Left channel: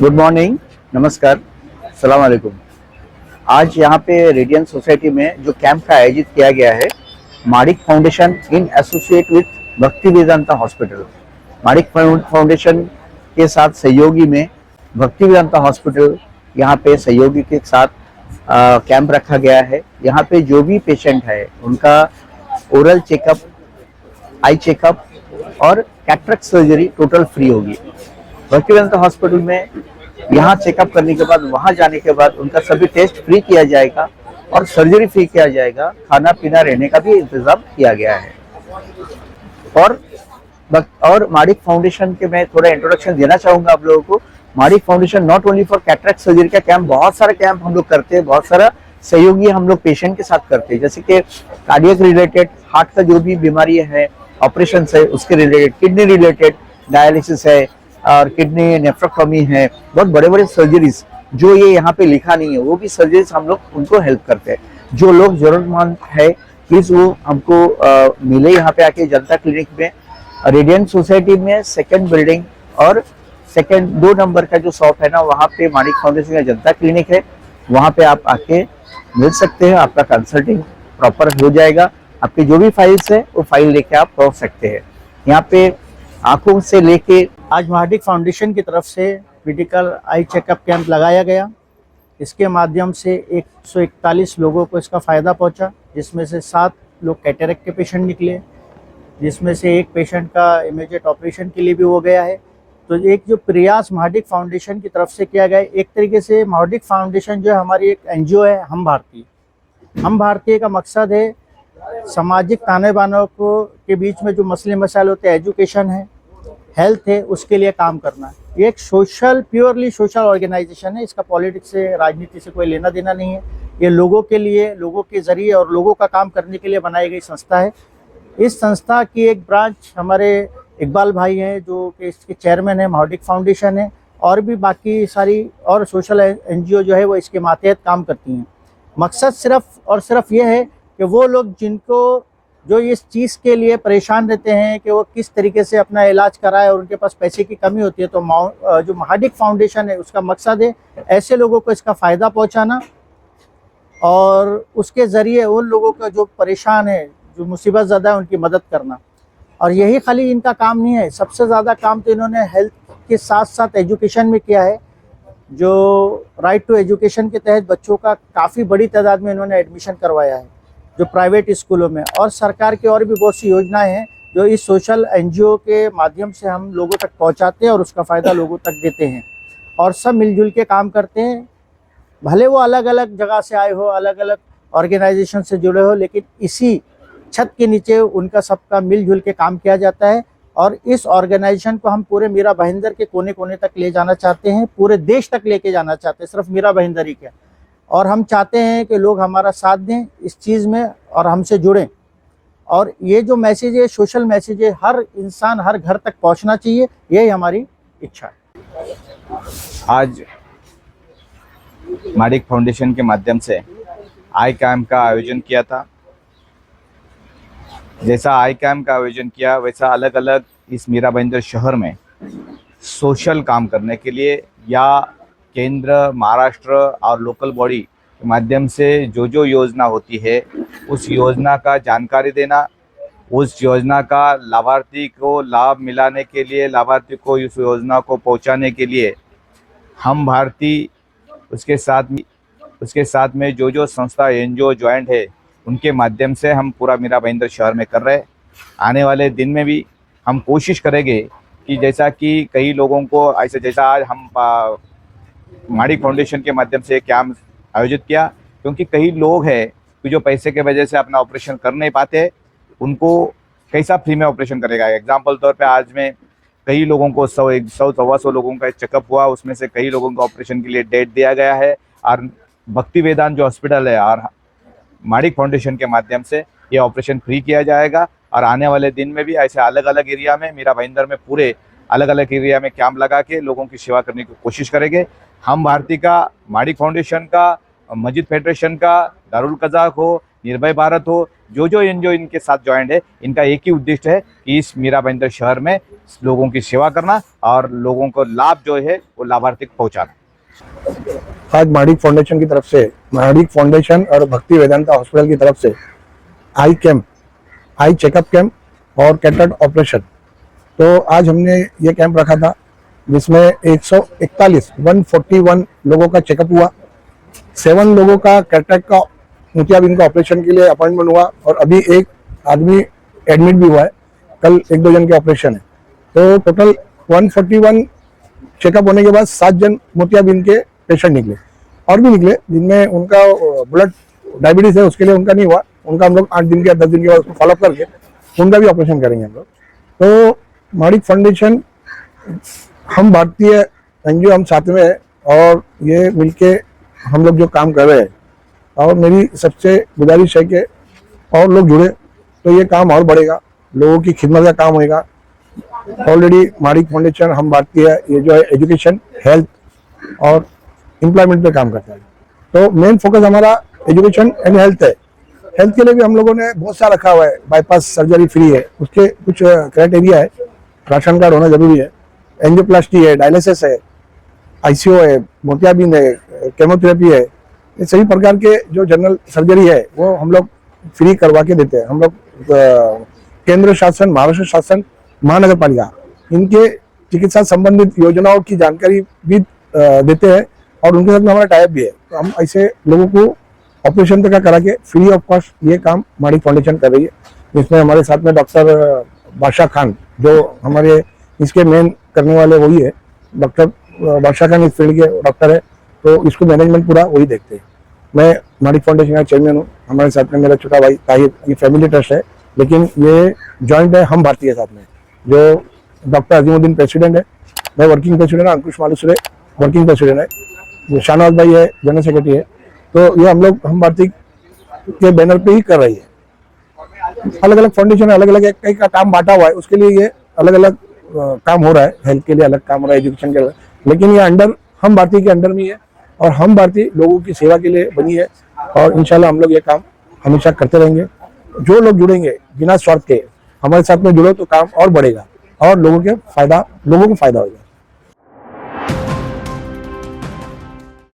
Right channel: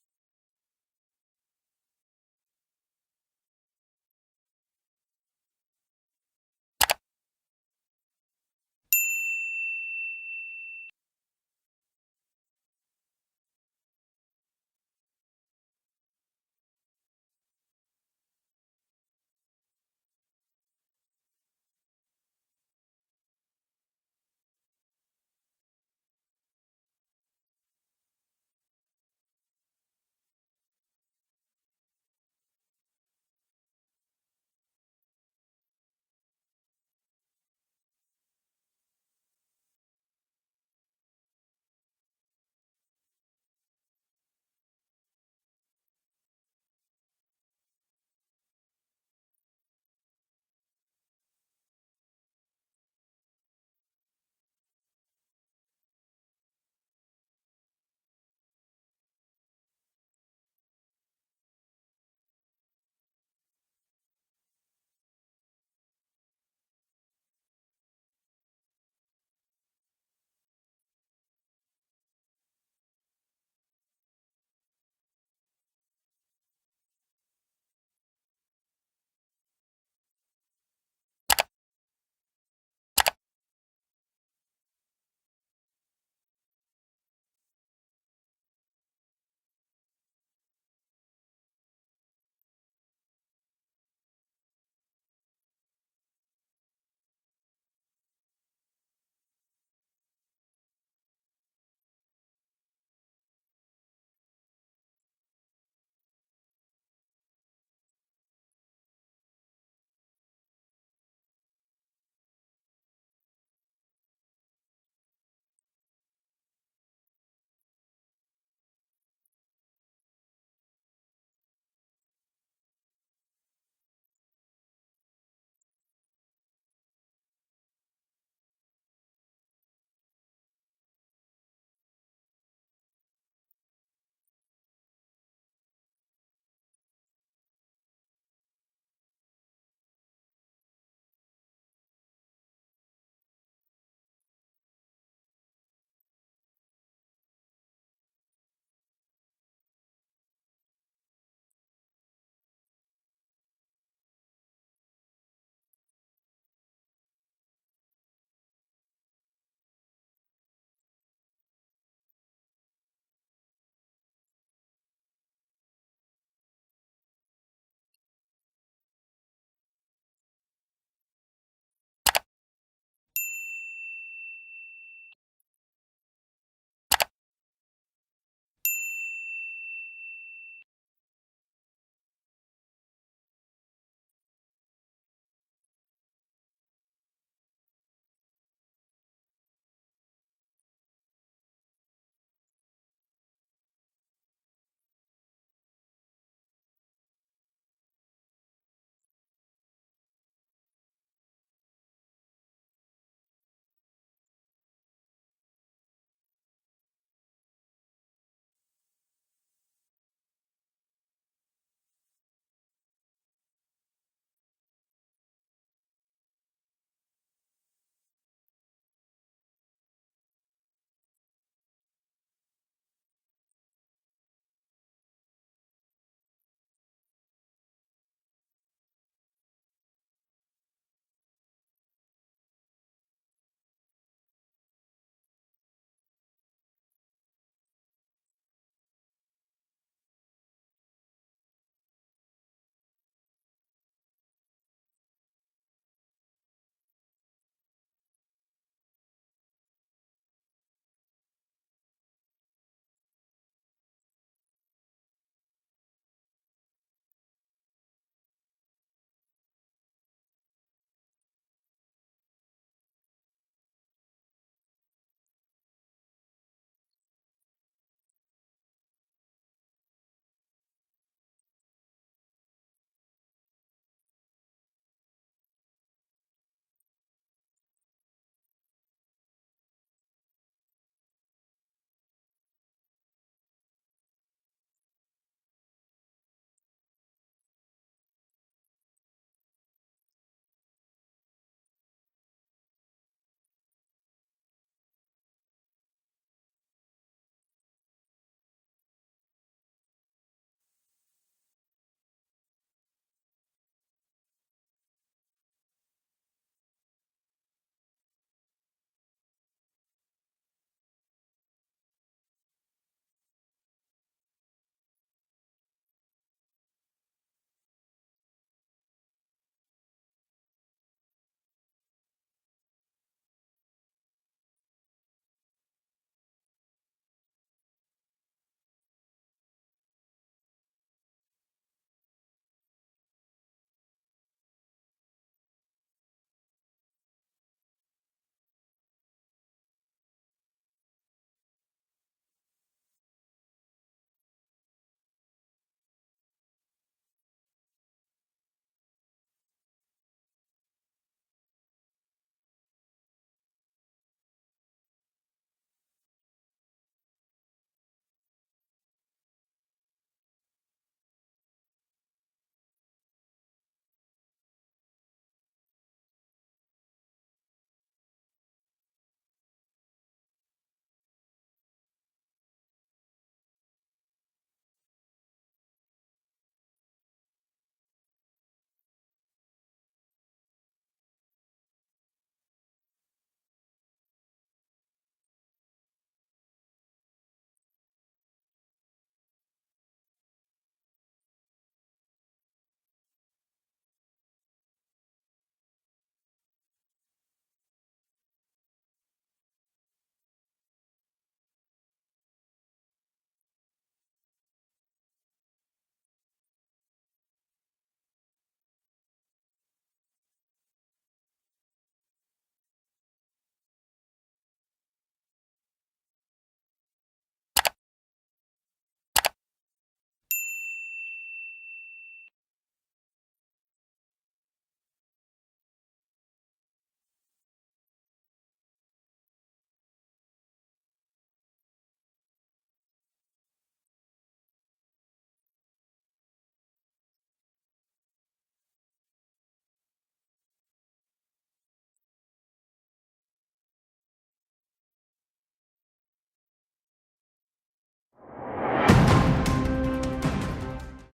Good morning, नमस्कार, सलाम वालेकुम। आज यहाँ पे रेडियन सोसाइटी में जो कैंप का आयोजित किया गया है, माणिक फाउंडेशन इन एसोसिएट विथ भक्ति वेदांता हॉस्पिटल। माणिक फाउंडेशन के साथ सहयोगी में भक्ति वेदांता हॉस्पिटल यहाँ पे सहयोगी के साथ कैंप रखा गया है। यहाँ पे जो भी पेशेंट है उनका ओरल चेकअप, आई चेकअप और कैटरेक्ट सर्जरी टोटल फ्री होगी। भक्ति वेदांता हॉस्पिटल में यहाँ चेकअप करने के बाद वहाँ जाने के बाद उनका सभी टेस्ट फ्री किया जाएगा और सर्जरी फ्री किया जाएगा। खाना पीना रहने का भी इंतजाम किया गया है। और माणिक फाउंडेशन के मैं थोड़ा इंट्रोडक्शन देना चाहूंगा आप लोगों को। Manik foundation not only for cataract surgery का कैंप, बहुत सारे कैंप हम लोग करते हैं, बहुत सारा सहयोगी हम लोग पेशेंट के साथ करते हैं, जैसे कि कार्डियक रिलेटेड, हार्ट का जो भी बीमारी है, ऑपरेशन है उसके रिलेटेड, किडनी रिलेटेड डायलिसिस है और किडनी नेफ्रोटॉमी है, बहुत बड़े बड़े सर्जरीज जो ये यहाँ पे लिखा नहीं है वो भी सर्जरीज हम लोग उनको हेल्प करते हैं। जो लोग जरूरतमंद है प्लीज वो हमको मिले यहाँ पे आके जनता क्लिनिक में, रेडियंट सोसाइटी में सेकंड बिल्डिंग और सेकंड 2 नंबर का जो शॉप है ना, वहाँ पे माणिक फाउंडेशन का जनता क्लिनिक है। वहाँ पे आप आके मिल सकते हैं, आपका कंसल्टिंग प्रॉपर हो जाएगा। आपके जो भी फाइल्स है वो फाइल लेके आप पहुंच सकते हैं। यहाँ पे आंखों से लेके आज माणिक फाउंडेशन की तरफ से मेडिकल आई चेकअप कैंप लगाया गया। इसके माध्यम से 141 लोगों को इसका फ़ायदा पहुंचा, जिसमें से 7 लोग कैटरेक्ट के पेशेंट निकले, जिसमें से एक पेशेंट का इमीडिएट ऑपरेशन के लिए भी हो गया है। तो एक जो प्रयास माणिक फाउंडेशन की तरफ से किया गया है, एक तरीके से माणिक फाउंडेशन जो है हमारी एक एनजीओ है। हम भारतीय का मकसद है सामाजिक ताने बाने को के बीच में जो मसले मसाइल होते हैं, एजुकेशन है, हेल्थ है, उसके लिए काम करना। ये एक प्योरली सोशल ऑर्गेनाइजेशन है। इसका पॉलिटिक्स से, राजनीति से कोई लेना देना नहीं है। ये लोगों के लिए, लोगों के जरिए और लोगों का काम करने के लिए बनाई गई संस्था है। इस संस्था की एक ब्रांच हमारे इकबाल भाई हैं जो कि इसके चेयरमैन है, माणिक फाउंडेशन है, और भी बाकी सारी और सोशल एनजीओ जो है वो इसके मातहत काम करती हैं। मकसद सिर्फ ये है कि वो लोग जो इस चीज़ के लिए परेशान रहते हैं कि वो किस तरीके से अपना इलाज कराए और उनके पास पैसे की कमी होती है, तो जो माणिक फाउंडेशन है उसका मकसद है ऐसे लोगों को इसका फ़ायदा पहुंचाना और उसके ज़रिए उन लोगों का जो परेशान है, जो मुसीबत ज़्यादा है, उनकी मदद करना। और यही खाली इनका काम नहीं है, सबसे ज़्यादा काम तो इन्होंने हेल्थ के साथ साथ एजुकेशन में किया है। जो राइट टू एजुकेशन के तहत बच्चों का काफ़ी बड़ी तादाद में इन्होंने एडमिशन करवाया है, जो प्राइवेट स्कूलों में। और सरकार की और भी बहुत सी योजनाएं हैं जो इस सोशल एनजीओ के माध्यम से हम लोगों तक पहुंचाते हैं और उसका फ़ायदा लोगों तक देते हैं। और सब मिलजुल के काम करते हैं, भले वो अलग अलग जगह से आए हो, अलग अलग ऑर्गेनाइजेशन से जुड़े हो, लेकिन इसी छत के नीचे उनका सबका मिलजुल के काम किया जाता है। और इस ऑर्गेनाइजेशन को हम पूरे मीरा भाईंदर के कोने कोने तक ले जाना चाहते हैं, पूरे देश तक लेके जाना चाहते हैं, सिर्फ मीरा भाईंदर ही क्या। और हम चाहते हैं कि लोग हमारा साथ दें इस चीज़ में और हमसे जुड़ें। और ये जो मैसेज है, सोशल मैसेज है, हर इंसान, हर घर तक पहुंचना चाहिए, यही हमारी इच्छा है। आज माणिक फाउंडेशन के माध्यम से आई कैंप का आयोजन किया था। जैसा आई कैंप का आयोजन किया वैसा अलग अलग इस मीरा भाईंदर शहर में सोशल काम करने के लिए या केंद्र, महाराष्ट्र और लोकल बॉडी के माध्यम से जो योजना होती है उस योजना का जानकारी देना, उस योजना का लाभार्थी को लाभ मिलाने के लिए, लाभार्थी को इस योजना को पहुंचाने के लिए हम भारतीय उसके साथ में जो संस्था एनजीओ ज्वाइंट है उनके माध्यम से हम पूरा मीरा भाईंदर शहर में कर रहे हैं। आने वाले दिन में भी हम कोशिश करेंगे कि जैसा कि कई लोगों को ऐसे, जैसा आज हम माणिक फाउंडेशन के माध्यम से कैंप आयोजित किया, क्योंकि कई लोग हैं कि जो पैसे के वजह से अपना ऑपरेशन कर नहीं पाते, उनको कैसा फ्री में ऑपरेशन करेगा। एग्जाम्पल तौर पे आज में कई लोगों को 100-125 लोगों का चेकअप हुआ, उसमें से कई लोगों को ऑपरेशन के लिए डेट दिया गया है। और भक्ति वेदांत जो हॉस्पिटल है और माणिक फाउंडेशन के माध्यम से ये ऑपरेशन फ्री किया जाएगा। और आने वाले दिन में भी ऐसे अलग अलग एरिया में, मीरा भाईंदर में पूरे अलग अलग एरिया में कैंप लगा के लोगों की सेवा करने की कोशिश करेंगे। हम भारती का, माणिक फाउंडेशन का, मस्जिद फेडरेशन का, दारुल कज़ाक हो, निर्भय भारत हो, जो एनजीओ इनके साथ ज्वाइंट है, इनका एक ही उद्देश्य है कि इस मीरा भाईंदर शहर में लोगों की सेवा करना और लोगों को लाभ जो है वो लाभार्थी को पहुंचाना। आज माड़िक फाउंडेशन की तरफ से, माड़िक फाउंडेशन और भक्ति वेदांता हॉस्पिटल की तरफ से आई कैंप, आई चेकअप कैंप और कैटरेक्ट ऑपरेशन, तो आज हमने ये कैंप रखा था जिसमें 141 लोगों का चेकअप हुआ, 7 लोगों का कैटरेक्ट का मोतियाबिंद का ऑपरेशन के लिए अपॉइंटमेंट हुआ और अभी एक आदमी एडमिट भी हुआ है, कल 1-2 जन के ऑपरेशन है। तो टोटल 141 चेकअप होने के बाद 7 जन मोतियाबिंद के पेशेंट निकले और भी निकले जिनमें उनका ब्लड डायबिटीज है उसके लिए उनका नहीं हुआ, उनका हम लोग 8 दिन के 10 दिन के बाद उसको फॉलोअप करके उनका भी ऑपरेशन करेंगे हम लोग। तो माड़िक फाउंडेशन, हम भारतीय एनजीओ, हम साथ में है और ये मिलके हम लोग जो काम कर रहे हैं और मेरी सबसे गुजारिश है कि और लोग जुड़े तो ये काम और बढ़ेगा, लोगों की खिदमत का काम होएगा। ऑलरेडी माड़िक फाउंडेशन, हम भारतीय, ये जो है एजुकेशन, हेल्थ और एम्प्लॉयमेंट पे काम करता है। तो मेन फोकस हमारा एजुकेशन एंड हेल्थ है। हेल्थ के लिए भी हम लोगों ने बहुत सारा रखा हुआ है, बाईपास सर्जरी फ्री है, उसके कुछ क्राइटेरिया है, राशन कार्ड होना जरूरी है, एंजियोप्लास्टी है, डायलिसिस है, आईसीयू है, मोतियाबिंद है, केमोथेरेपी है, ये सभी प्रकार के जो जनरल सर्जरी है वो हम लोग फ्री करवा के देते हैं। हम लोग केंद्र शासन, महाराष्ट्र शासन, महानगर पालिका, इनके चिकित्सा संबंधित योजनाओं की जानकारी भी देते हैं और उनके साथ में हमारा टाइप भी है। तो हम ऐसे लोगों को ऑपरेशन तक करा के फ्री ऑफ कॉस्ट ये काम माड़िक फाउंडेशन कर रही है, जिसमें हमारे साथ में डॉक्टर बादशाह खान, जो हमारे इसके मेन करने वाले वही है, डॉक्टर बादशाह खान इस फील्ड के डॉक्टर है, तो इसको मैनेजमेंट पूरा वही देखते हैं। मैं माड़िक फाउंडेशन का चेयरमैन हूँ, हमारे साथ में मेरा छोटा भाई ताहिर, ये फैमिली ट्रस्ट है लेकिन ये जॉइंट है हम भारतीय साथ में, जो डॉक्टर अजीमुद्दीन प्रेसिडेंट है, मैं वर्किंग प्रेसिडेंट, अंकुश मालुसरे वर्किंग प्रेसिडेंट है, शाहनवाज भाई है जनरल सेक्रेटरी है। तो ये हम लोग हम भारतीय के बैनर पे ही कर रही है। अलग अलग फाउंडेशन, अलग अलग कई का काम बांटा हुआ है, उसके लिए ये अलग अलग काम हो रहा है, हेल्थ के लिए अलग काम हो रहा है, एजुकेशन के अलग, लेकिन ये अंडर हम भारतीय के अंडर में है और हम भारतीय लोगों की सेवा के लिए बनी है और इंशाल्लाह हम लोग ये काम हमेशा करते रहेंगे। जो लोग जुड़ेंगे बिना स्वार्थ के हमारे साथ में जुड़ो तो काम और बढ़ेगा और लोगों को फायदा होगा।